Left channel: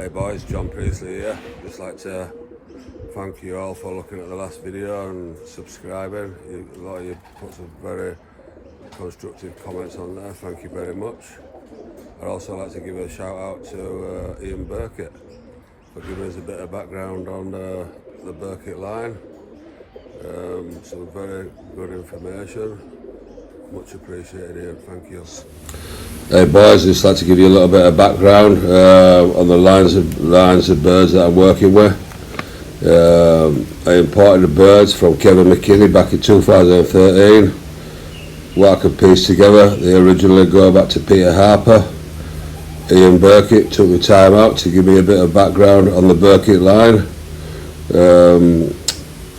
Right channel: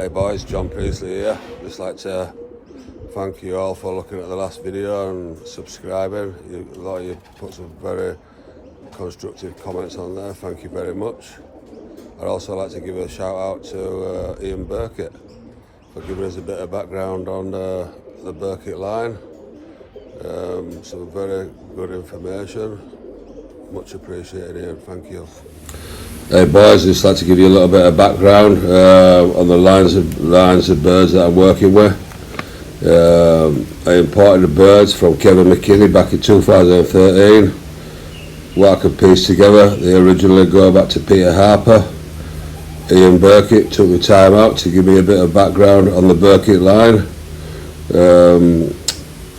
Hey boys, John Priestley here. Just like to thank you all for looking at the last video and subscribing. A lot of you put some very constructive comments on there. Thank you very much. I'd also like to give a shout out to Ian Burkett for giving us a bit of background on the Burkett line. Some very good information. Much appreciated, Ian. Thank you. Hey boys, just like to give you a little bit of background on the lines of birds that I'm working with. I imported the birds from Kevin McKinney back in 2013. What I could piece together, they originally go back to Peter Harper. Ian Burkett took the time out to give me a bit of background on the Burkett line.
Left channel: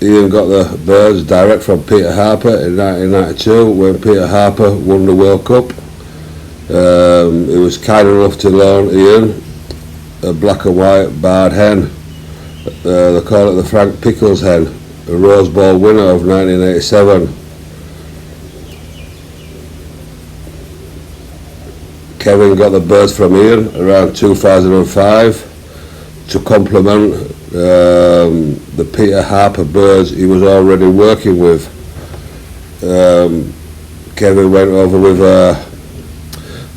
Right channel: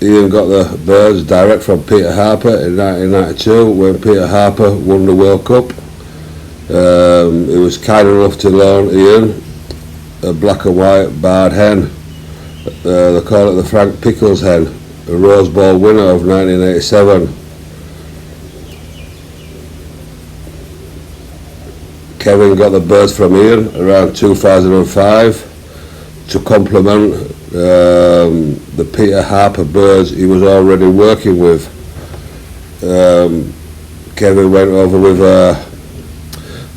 Ian got the birds direct from Peter Harper in 1992 when Peter Harper won the World Cup. He was kind enough to loan Ian a black and white barred hen. They call it the Frank Pickles hen, a Rose Bowl winner of 1987. Kevin got the birds from Ian around 2005 to complement the Peter Harper birds he was already working with. Kevin went over with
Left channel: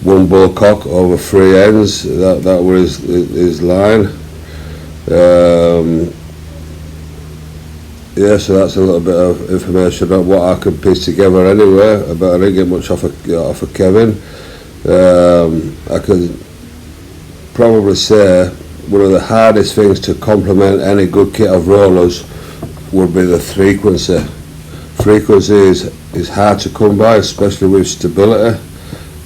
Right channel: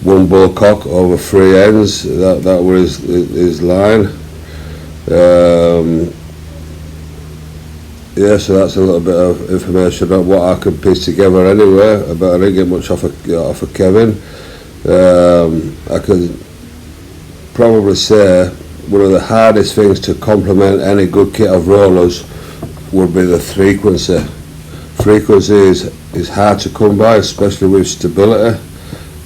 one bull cock over 3 hens. That was his line. Yeah, so that's a little bit of information on what I could piece together anyway, but I didn't get much off of Kevin. I could probably say one of the hardest things to complement any good kit of rollers would be the frequency. Frequency is hard to come by, especially with stability.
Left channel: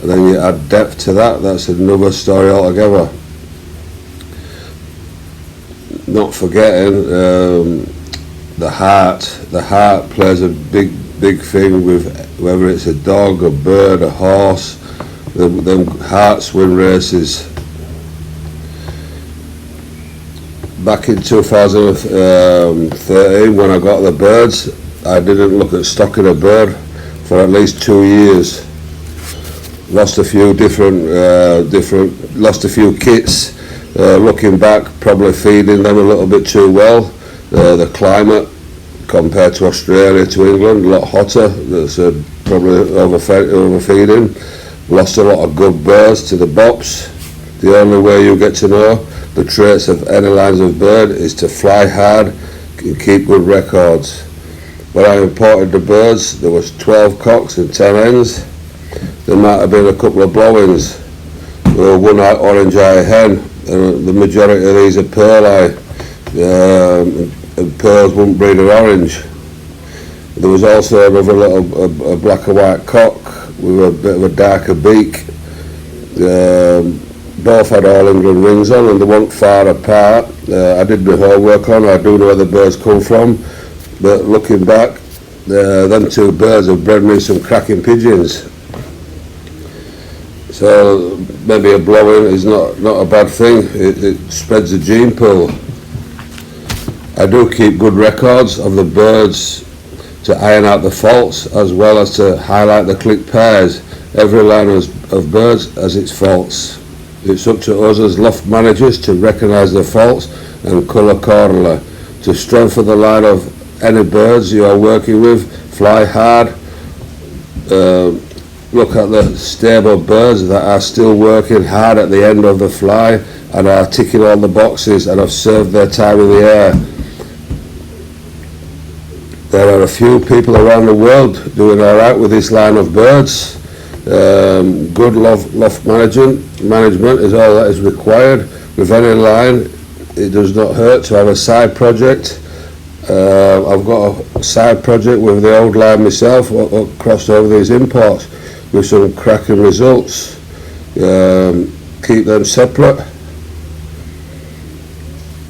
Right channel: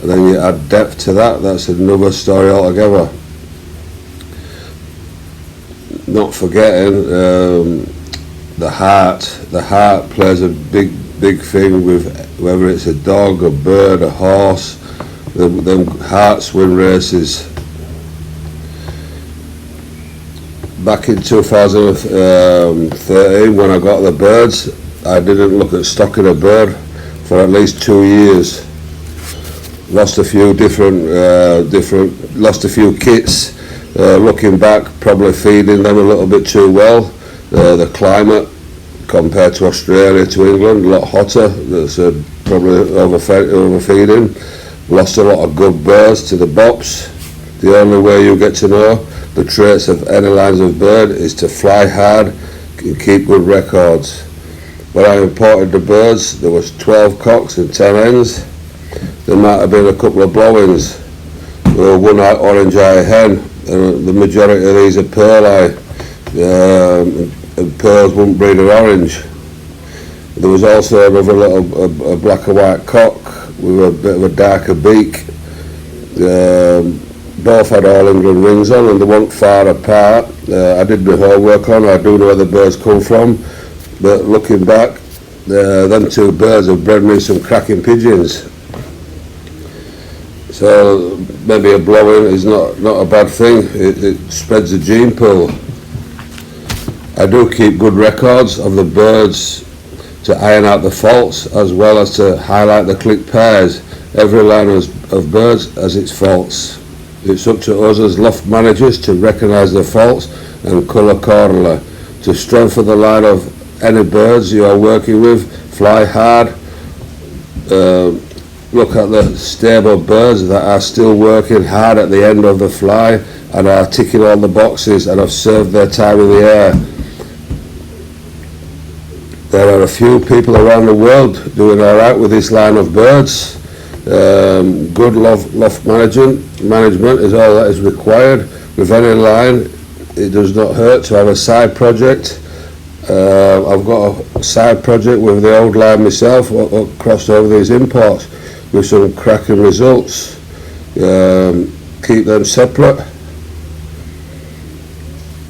And then you add depth to that, that's another story altogether. Not forgetting the heart. The heart plays a big thing with whether it's a dog, a bird, a horse. Them hearts win races. Back in 2013 when I got the birds, I didn't look at stocking a bird for at least 2 years. Lost a few lost a few kits. Looking back, probably feeding them a little bit too well. The climate compared to Australia to England, a lot hotter. That's probably overfeeding. Lost a lot of good birds to the bops. The only way you get to know the traits of any lines of bird is to fly hard and keep good records. When I imported the birds, there was 12 cocks and 10 hens. There might have been a couple of blow-ins. One orange eye hen, and the majority of these are pearl eye, and pearls wouldn't breed an orange. There was also another little a black and white cock with a bit of a darker beak. Both had all England rings on and they weren't far apart. I did my homework on, I do know where the birds come from, but looking back, them two birds have bred me some cracking pigeons. So maybe a blow-in is not a bad thing. It spreads the gene pool. I do keep good records of the birds to iron out the faults as well as to highlight the click pairs. Every line of birds has its faults. It's up to us as loft managers to recognise the faults and cull accordingly. To strengthen the line of any birds you are working with, fly hard. Look at the stable birds that are still working hard at the end of the fly and are ticking all the boxes and have served their time in the air. There are a few people around the world doing alright with this line of birds. Good loft management is all that is required. With any line, it does not hurt to have a side project. I've got a side project with the old line myself, crossed over these imports with some cracking results. Keep them separate,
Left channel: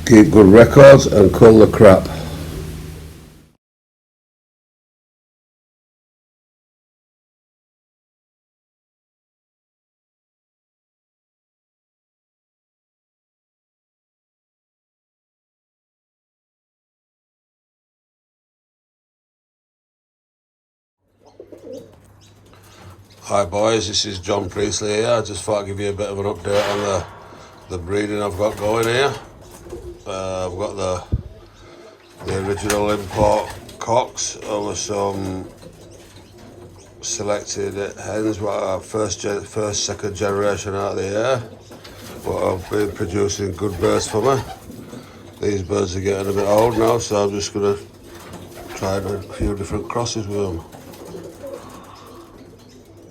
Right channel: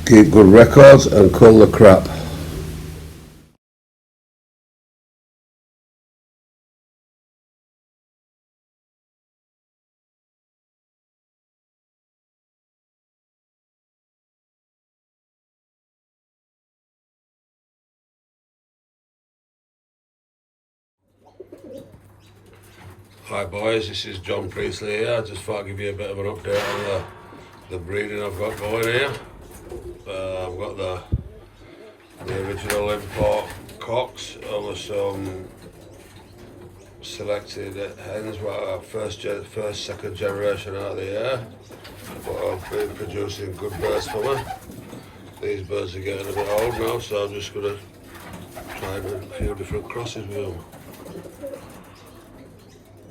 keep good records and cull the crap. Hi boys, this is John Priestley here. I just thought I'd give you a bit of an update on the breeding I've got going here. I've got the original import cocks over some selected hens, what are first, second generation out of the air. What I've been producing good birds for me. These birds are getting a bit old now, so I'm just going to try a few different crosses with them.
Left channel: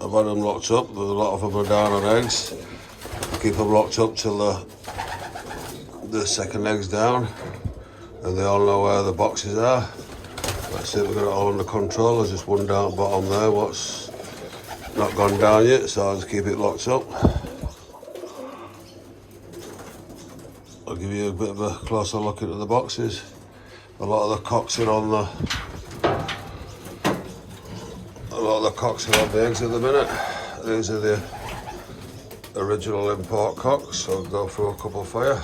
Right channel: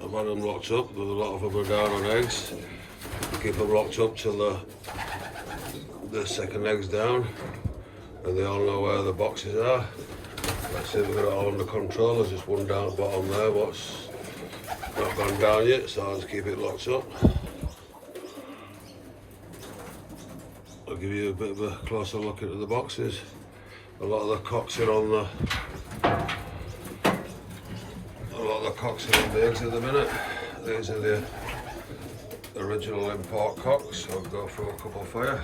I've had them locked up, but a lot of them are down on eggs. I keep them locked up till the second egg's down, and they all know where the boxes are. Let's see if we've got it all under control. There's just one down bottom there, what's not gone down yet, so I'll just keep it locked up. I'll give you a bit of a closer look into the boxes. A lot of the cocks are on the eggs at the minute. These are the original import cocks, so I'll go through a couple for you.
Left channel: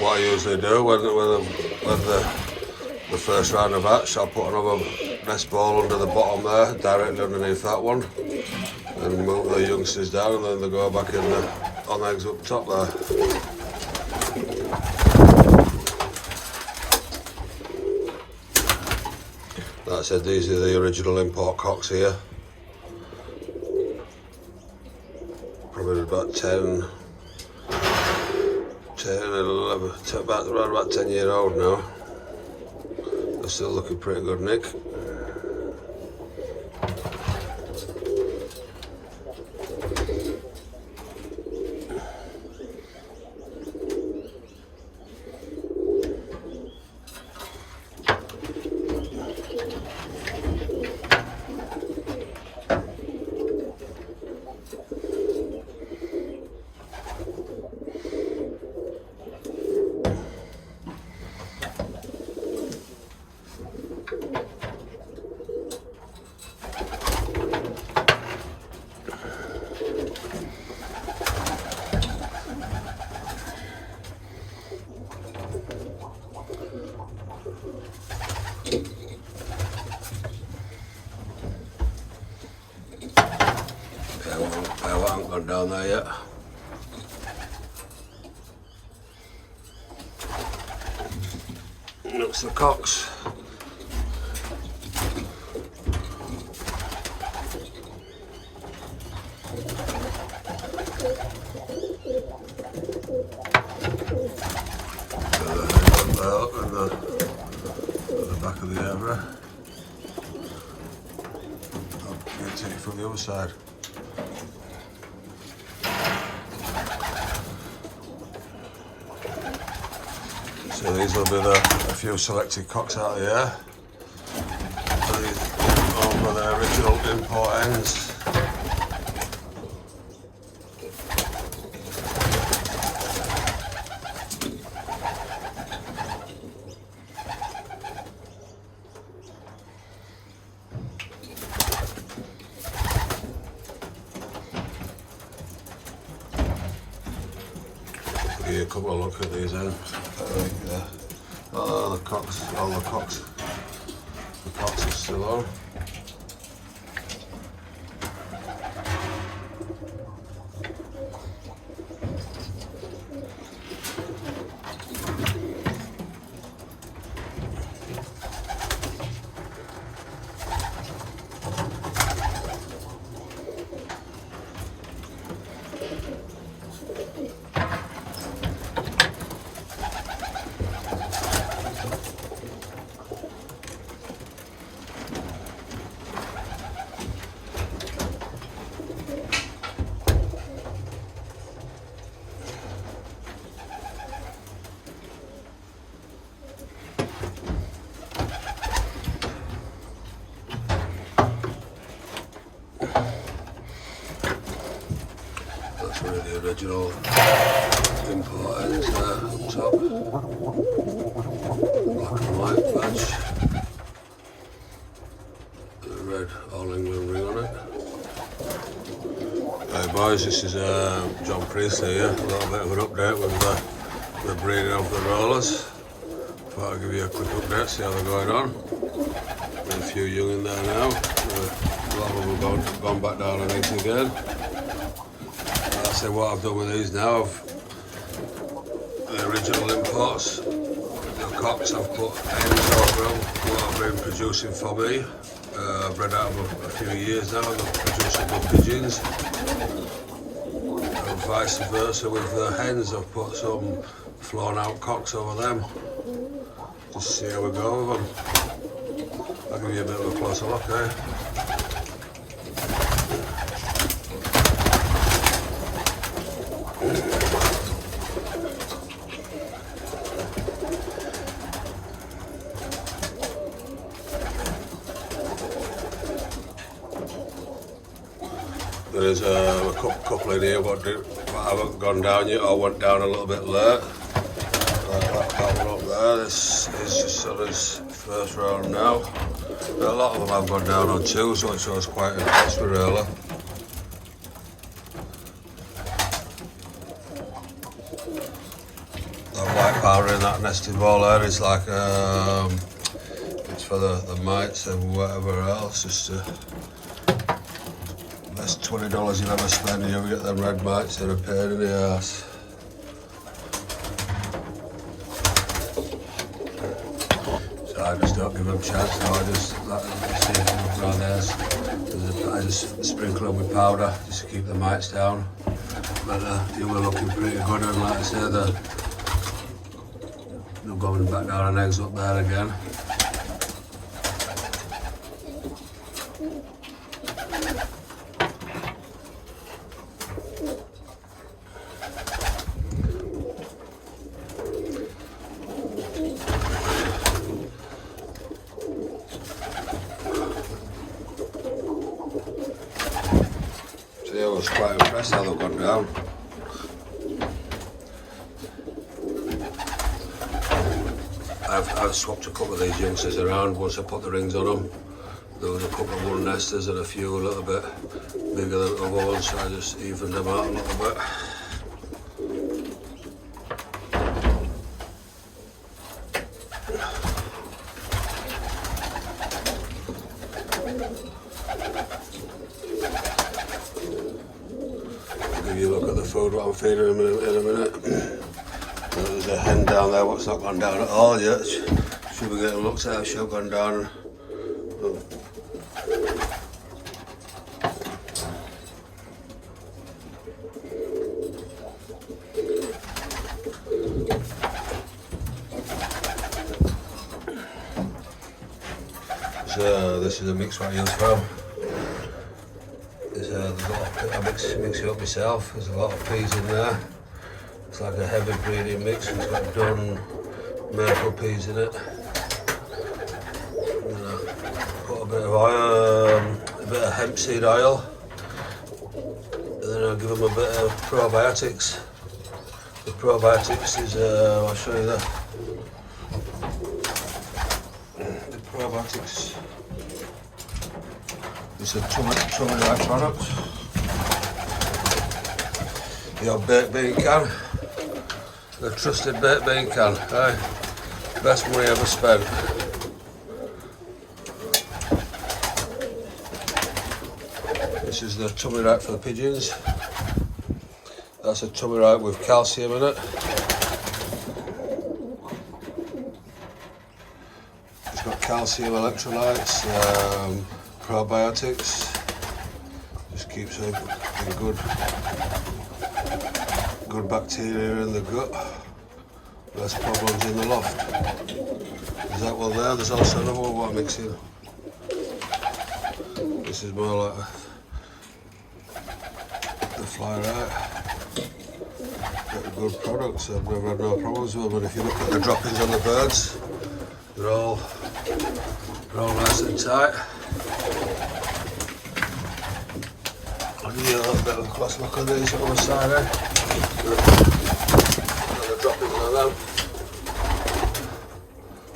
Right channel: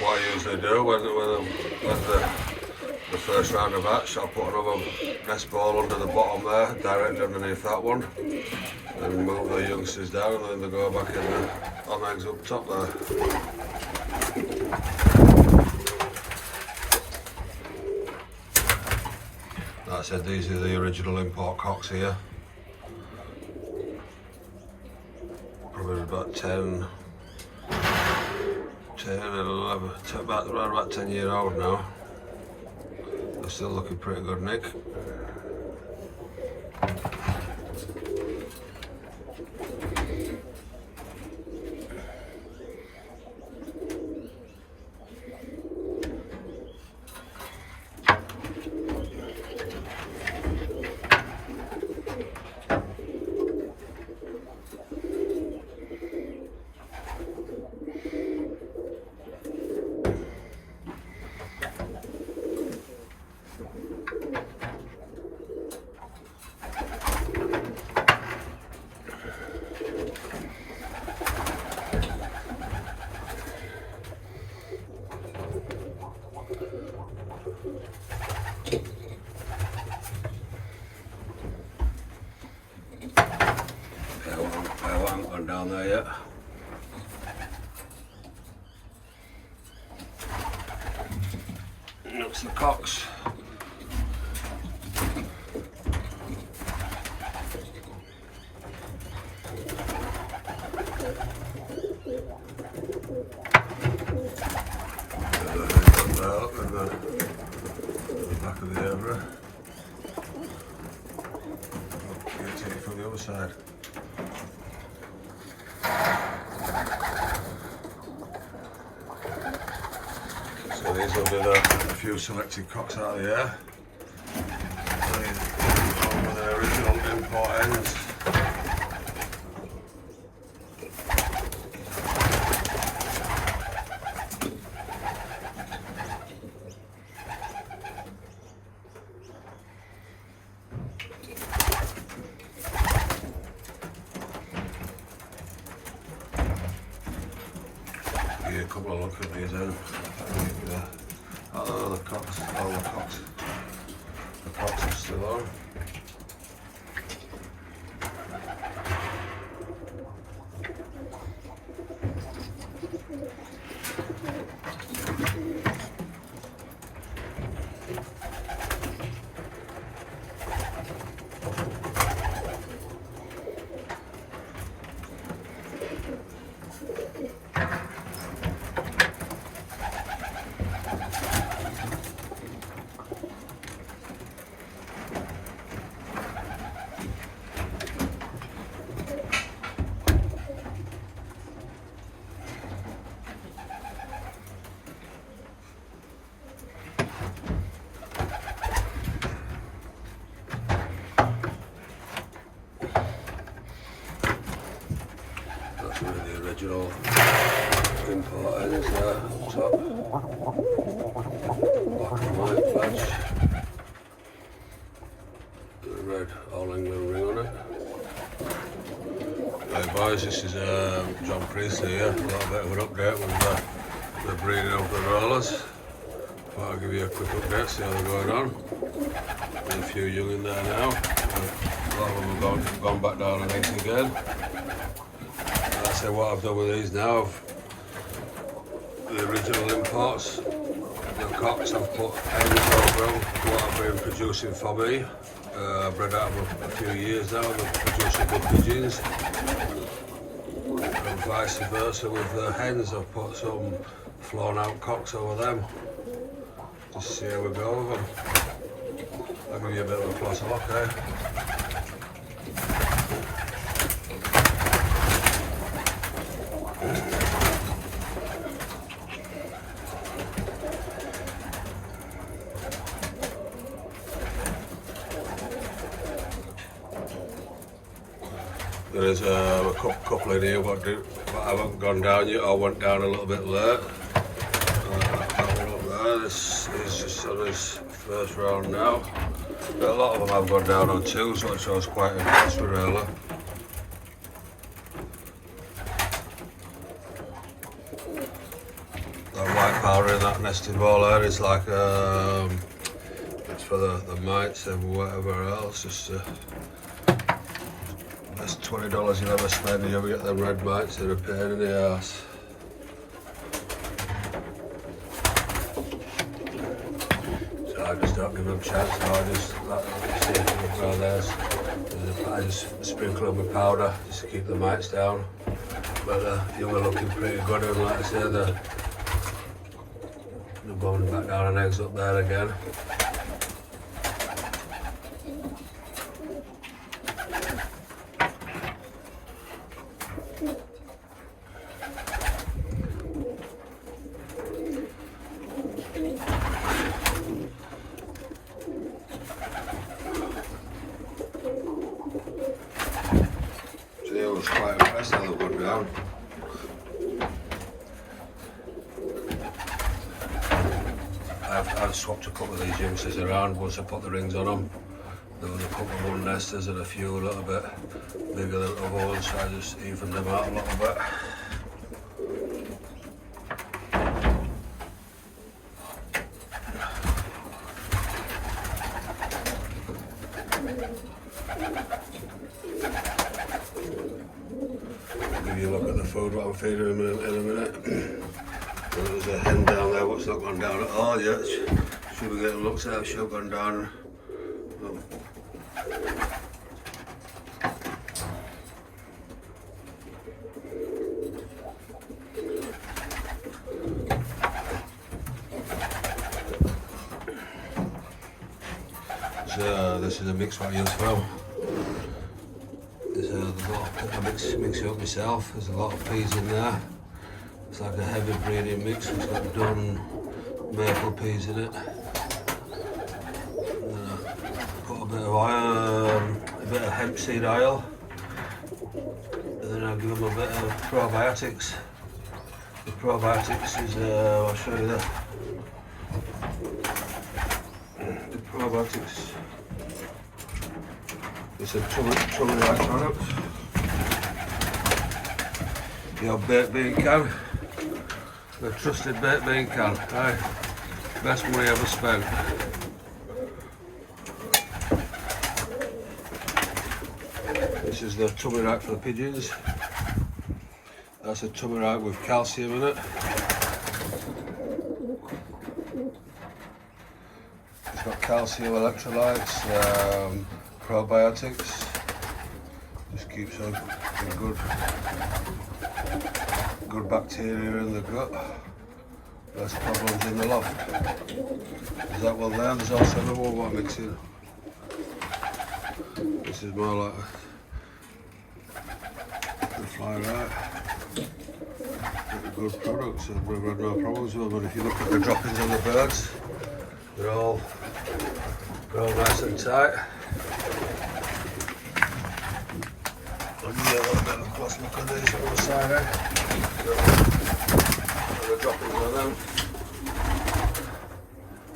What I usually do when the first round of hatch, I'll put another nest ball under the bottom there, directly underneath that one, and move the youngsters down, and then they go back in on eggs up top there. Like I said, these are the original import cocks here. Probably about 10, 11, around about 10 years old now. They're still looking pretty good, Nick. I haven't gone down there yet. Looks the cocks. At the back of the area. I'll take it from the other side. So these will be a few selected cocks out of the air. These are the original import hens. Give you a couple of look at these then. Oh, the cocks, the cocks are still on. That's one of the original import hens there up top. Black and white badge. boys, this is John Priestley here. A little bit of an update with the breeding of the rollers. Thought I'd give you a quick update, see how they're going on. There's a few young in there now. A lot of them have gone back down on eggs again. Like I say, what I've done with these now, the original imports, the cocks, I've put hens over them, what I've been producing for me. I've bred out of them a few years now and they're producing good pigeons. And vice versa with the hens, I've put some flown out cocks over them. Just see how we go with them. I'll give you a bit of a closer look, eh? There's a couple in here but I haven't gone down yet. I went down a little bit late. That one up there, this is just on his first round now. But a lot of them I've gone down on too, so I was quite impressed with really. That white powder in that nesting ball there is like it's for the mites and whatever else. Just that's $20 you'll ever spend and you ever get them red mites, they're a pain in the arse. So I just don't give them a chance now, I just let them see if they look around there. I just sprinkle them with powder just to keep the mites down. But you were looking pretty good and like I said, they're going back down on eggs up there again. I was quite impressed how they've gone down. I've swapped a couple of these youngsters around once I put the rings on them. There was a couple of one nesters and a few a little bit bigger than other ones, so I just evened them out a little bit. Give you a look at the food what I'm feeding them in a minute. There's a hen down there what's not gone down at all yet. Should be getting looked at, she'll have gone down. Oh. So this is a mix what I use for them. There's a lot, I mix it up myself. There's a lot of peas in there. It's like a heavy breeding mix. It's got done maple peas in it. Put a bit of oil, a bit of hemp seed oil, and then I'll give them a bit of probiotics. The probiotics is, I'll show you the probiotics. It's a tummy-like product. Your baked bean can, the trusted baked bean can, right? Best money ever spent. This is the tummy rack for the pigeons. That's a tummy rack with calcium in it. It's got calcium electrolytes, probiotics. Just keeps a good bacteria in the gut. Less problems in the loft. There's that one there. There's also another one what I'm mixing. This is more like the fly right. Get good products. I've never had no problems with them. But if you look at the droppings on the birds, they're all nice and tight. And you have a bit of a close look at these on the side there. The droppings like them.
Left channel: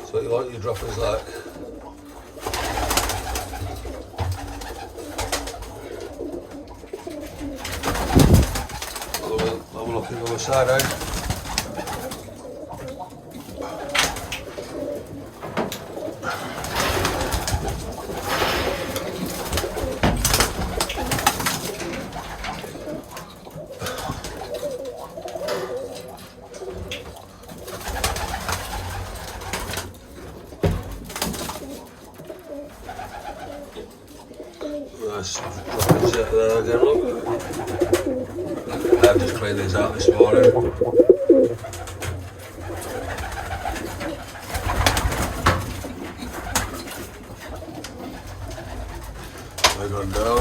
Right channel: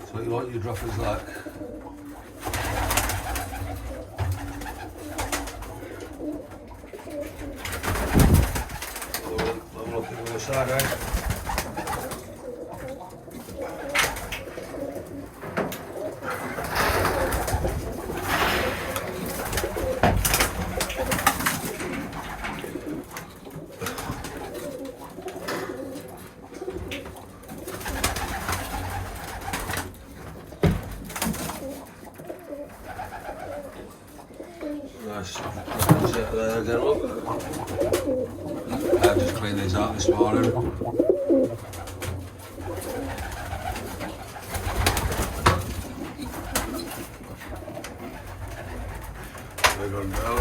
So you want your droppings like. Look at the other side, eh? Nice. There again, look. I've just cleaned these out this morning. They're gone down.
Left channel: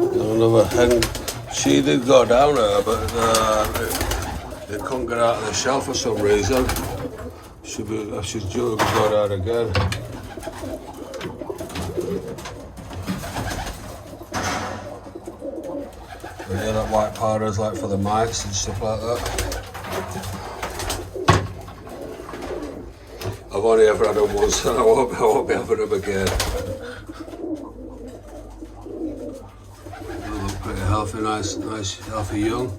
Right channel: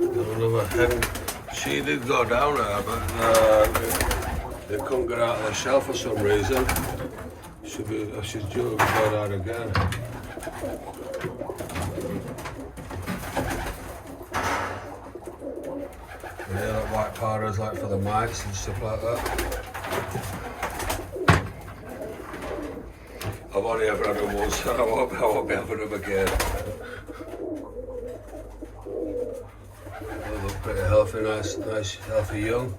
Another hen. She did go down there, but they couldn't get out of the shell for some reason. She's due to be got out again. But yeah, that white powder is like for the mites and stuff like that. I've only ever had them once, so I won't be having them again. They look pretty healthy, nice healthy young.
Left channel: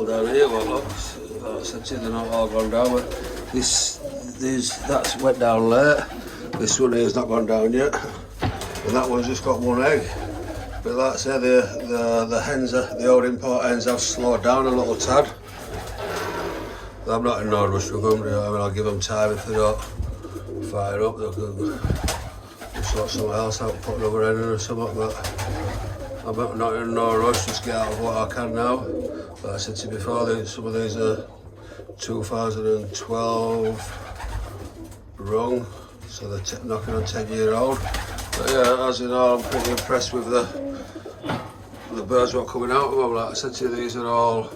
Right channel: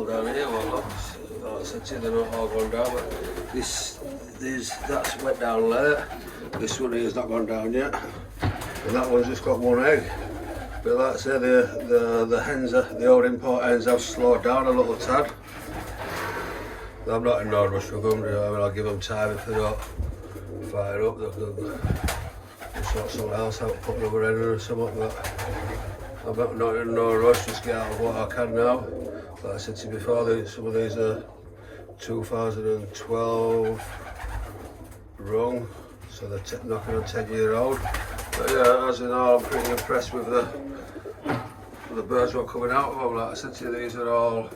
Down here, well, like I said to you, they're not all gone down, but that's went down late. This one here's not gone down yet, and that one's just got one egg. But like I say, the hens, the old import hens, have slowed down a little tad. I'm not in no rush with them. I mean, I'll give them time. If they don't fire up, they'll sort something else out, put another hen in or something. But I'm not in no rush. Just get out of what I can now. Like I said to you before, some of these are 2012 rung, so they're knocking on 10-year-old. But yeah, as you know, I'm pretty impressed with the birds that are coming out of them. Like I said to you, these are all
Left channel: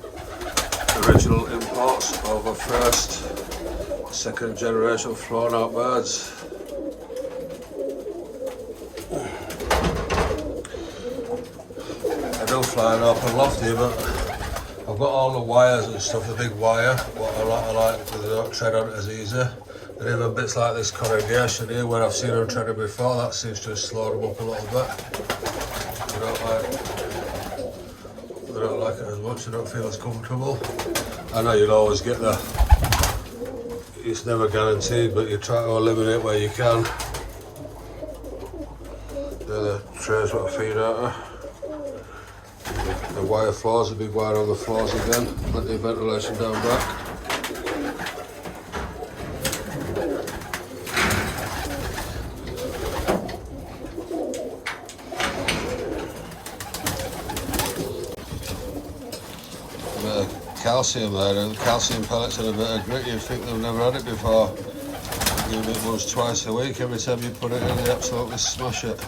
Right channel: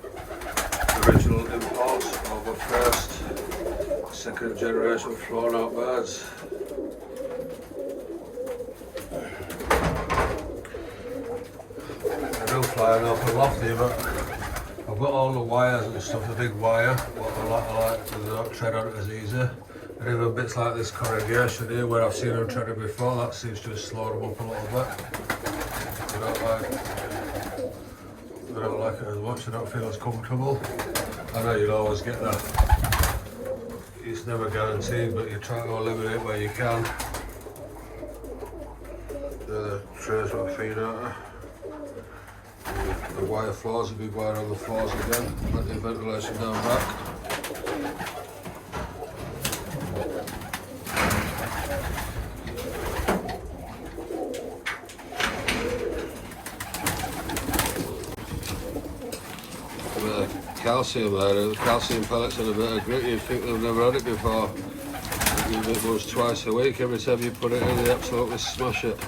original imports of the first, second generation flown out birds. I do fly an open loft here, but I've got all the wires and stuff, the big wire, what I like, they don't tread on it as easy. And even bits like this corrugation here, where I've seen them treaded before, that seems to have slowed them up a little bit. They don't like it as much, they don't feel as comfortable. I know you'd always get it's never guaranteed, but you try to eliminate where you can. They're the trays what I feed out of. The wire floors, the big wire on the floors again, let the ventilation down back. Calcium there, the calcium pellets are a bit of grit, you'd think they've never had it before. You do it once, twice a week, every time you put it in they absolutely smash it.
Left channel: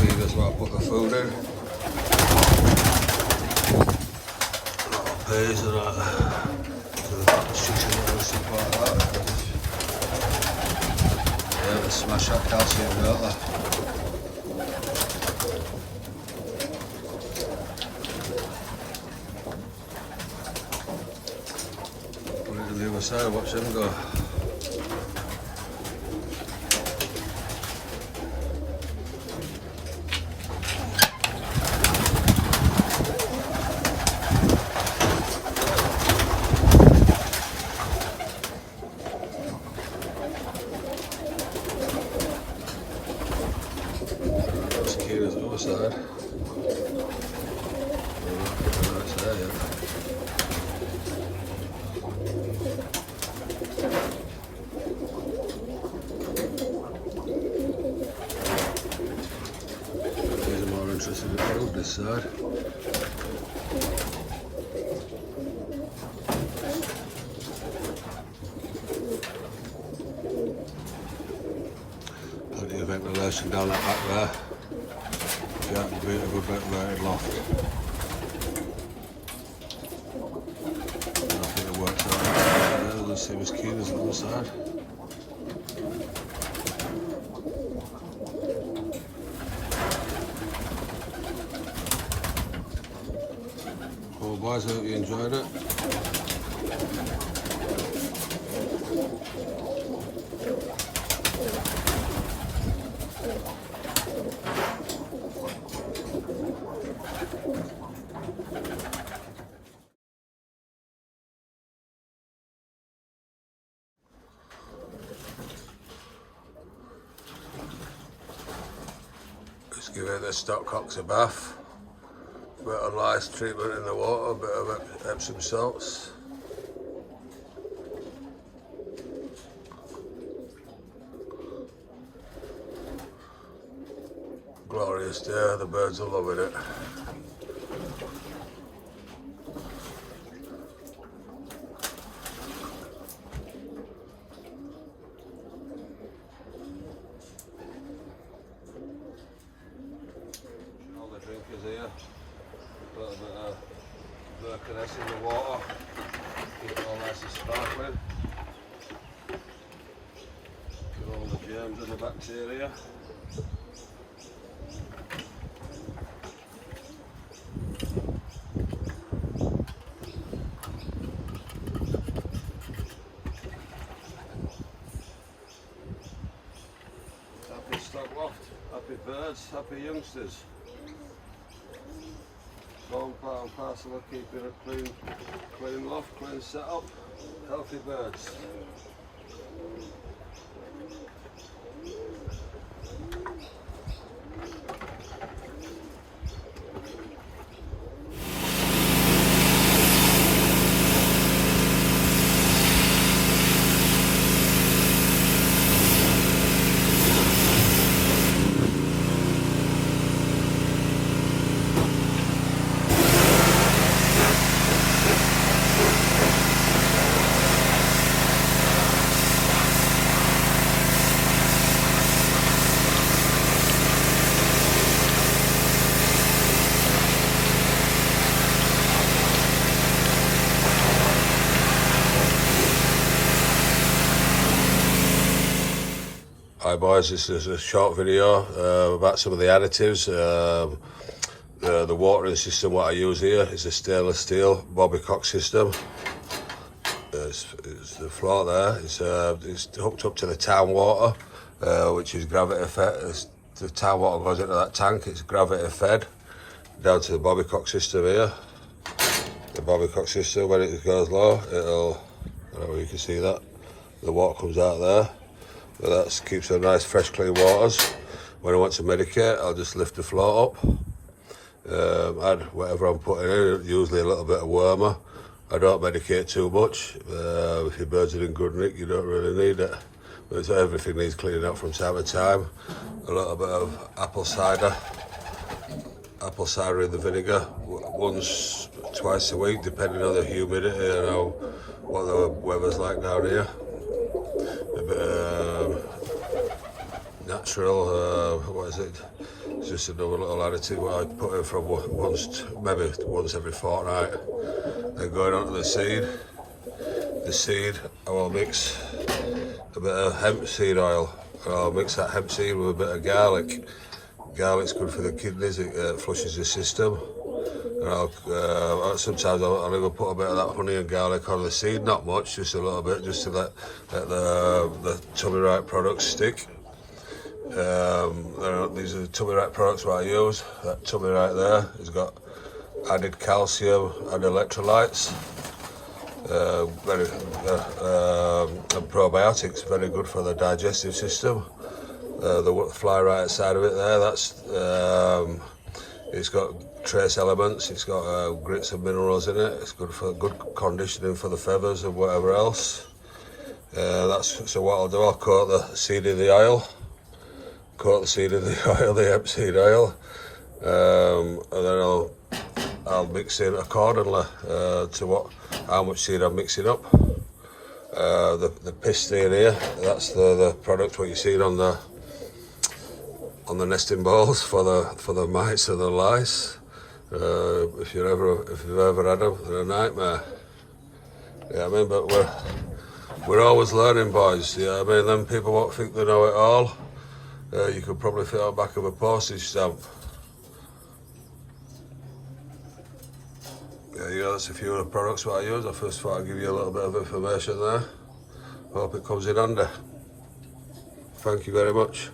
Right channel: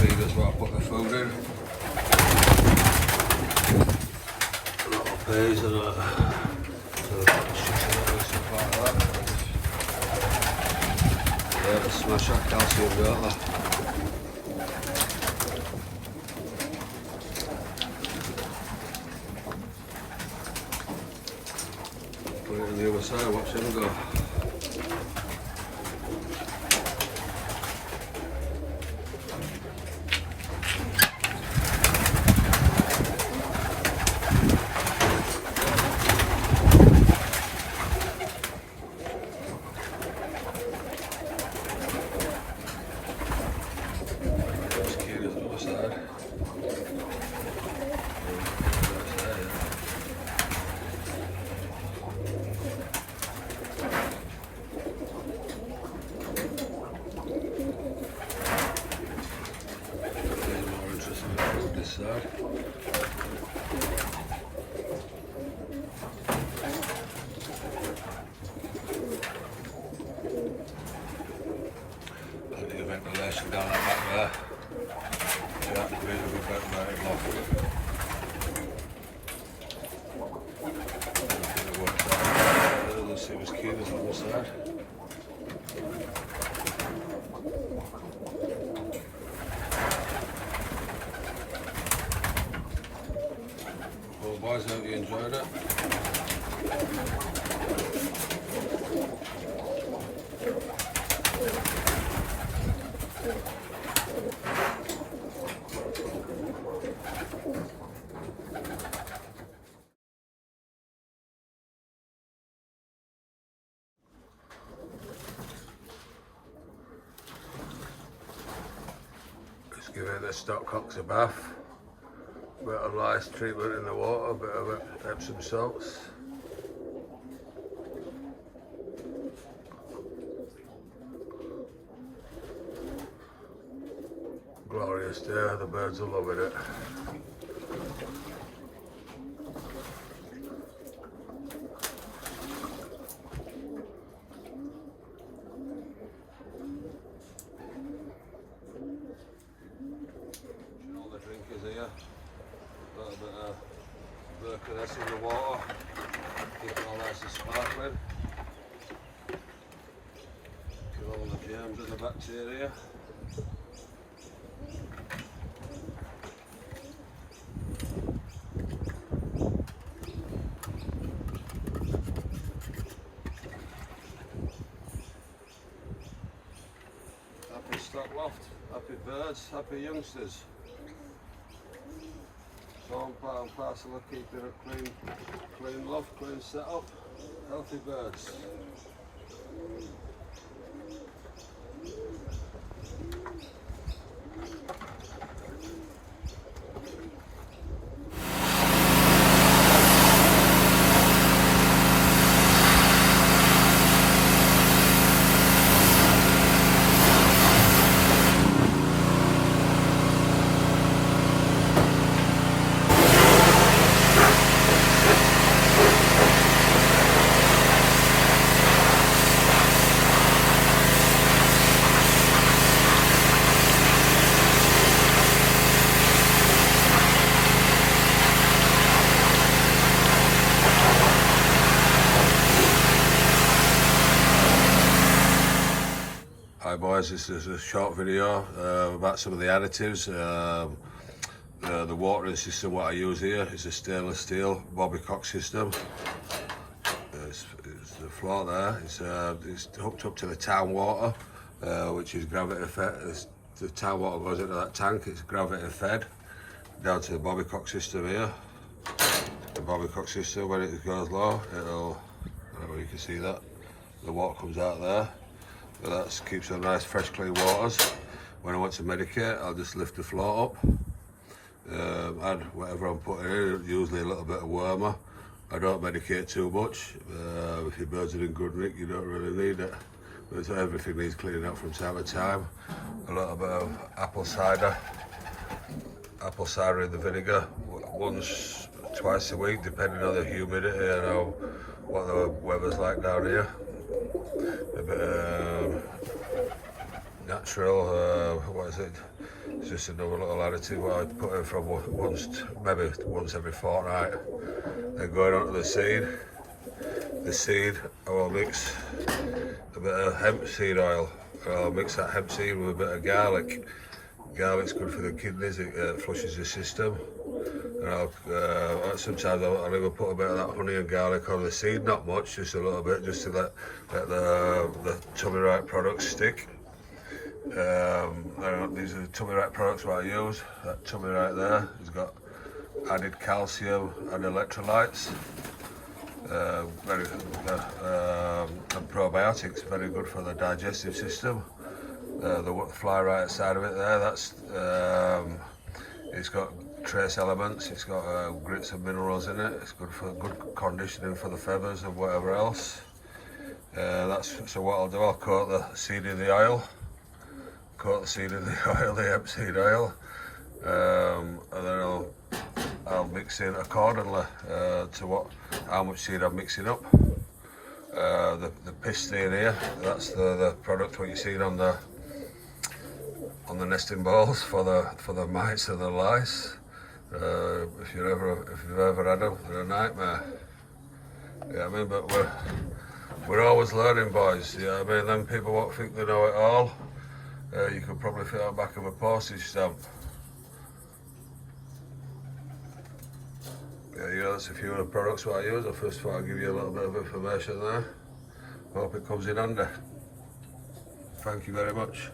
Feeders where I put the food in. A lot of peas and chicken and stuff like that. Yeah, they smash that calcium, don't they? Put it on the other side, watch them go. Side. More interested in this side. ventilation down the back there. Yeah, a bit of a ventilated loft. I think it works out. It doesn't seem as keen as on the side. Well boys, I hope you enjoyed it. Just give it the stopcocks a bath. A bit of lice treatment in the water, a bit of Epsom salts. Glorious day, the birds are loving it. All the drinkers here. A little bit of Birkeness in the water, keep it all nice and sparkling. Kill all the germs and the bacteria. Happy stock loft, happy birds, happy youngsters. All part and parcel of keeping a clean loft, clean setup, healthy birds. Hi boys, this is a short video about some of the additives. The watering system what I use here is a stainless steel bobbycock system. It's the floor there, it's hooked up to the town water, which is gravity fed. The town water goes into that tank, it's gravity fed down to the bobbycock system here. The bobbycock system, when it goes low, it'll, I don't know if you can see that, the water comes out there. That keeps them nice, fresh, clean waters. When I want to medicate, I'll just lift the float up, add whatever I'm putting in, usually a little bit of warmer. I don't medicate too much. If your birds are in good nick, you don't really need it. But everything needs cleaning up from time to time. A little bit of apple cider in the vinegar, once, twice a week, depending on the humidity and what the weather's like down here. A bit natural, what is it? It's just another little additive what I put in from maybe once every fortnight. Then going on to the seed. The seed, I will mix a bit of hemp seed oil. I'll mix that hemp seed with a bit of garlic. Garlic's good for the kidneys, it flushes the system. And sometimes I'll even put a bit of that honey and garlic on the seed, not much, just a little bit, just to let the tummy right products stick. These are the tummy right products what I use. That tummy right there has got added calcium and electrolytes, and probiotics, very good for the digestive system. The fly right outside of it there, that's it's got trace elements, it's got grits and minerals in it, it's good for good conditioning for the feathers and whatever else. So what I'll do, I'll coat the seed in the oil, the hemp seed oil, and then I'll mix in accordingly to how much seed I'm mixing up. The pistil here, that's the product what you see on on the nesting balls for the mites or the lice. If you've ever had them, they're a nightmare. Yeah, I mean, but we're always learning, boys. Yeah, I mean, then people won't think they know it all. You could probably fit on the back of a postage stamp. Yeah, that's a few of the products what I use. I first thought I'd give you a little bit of information there. Hope it comes in handy. Thank you very much.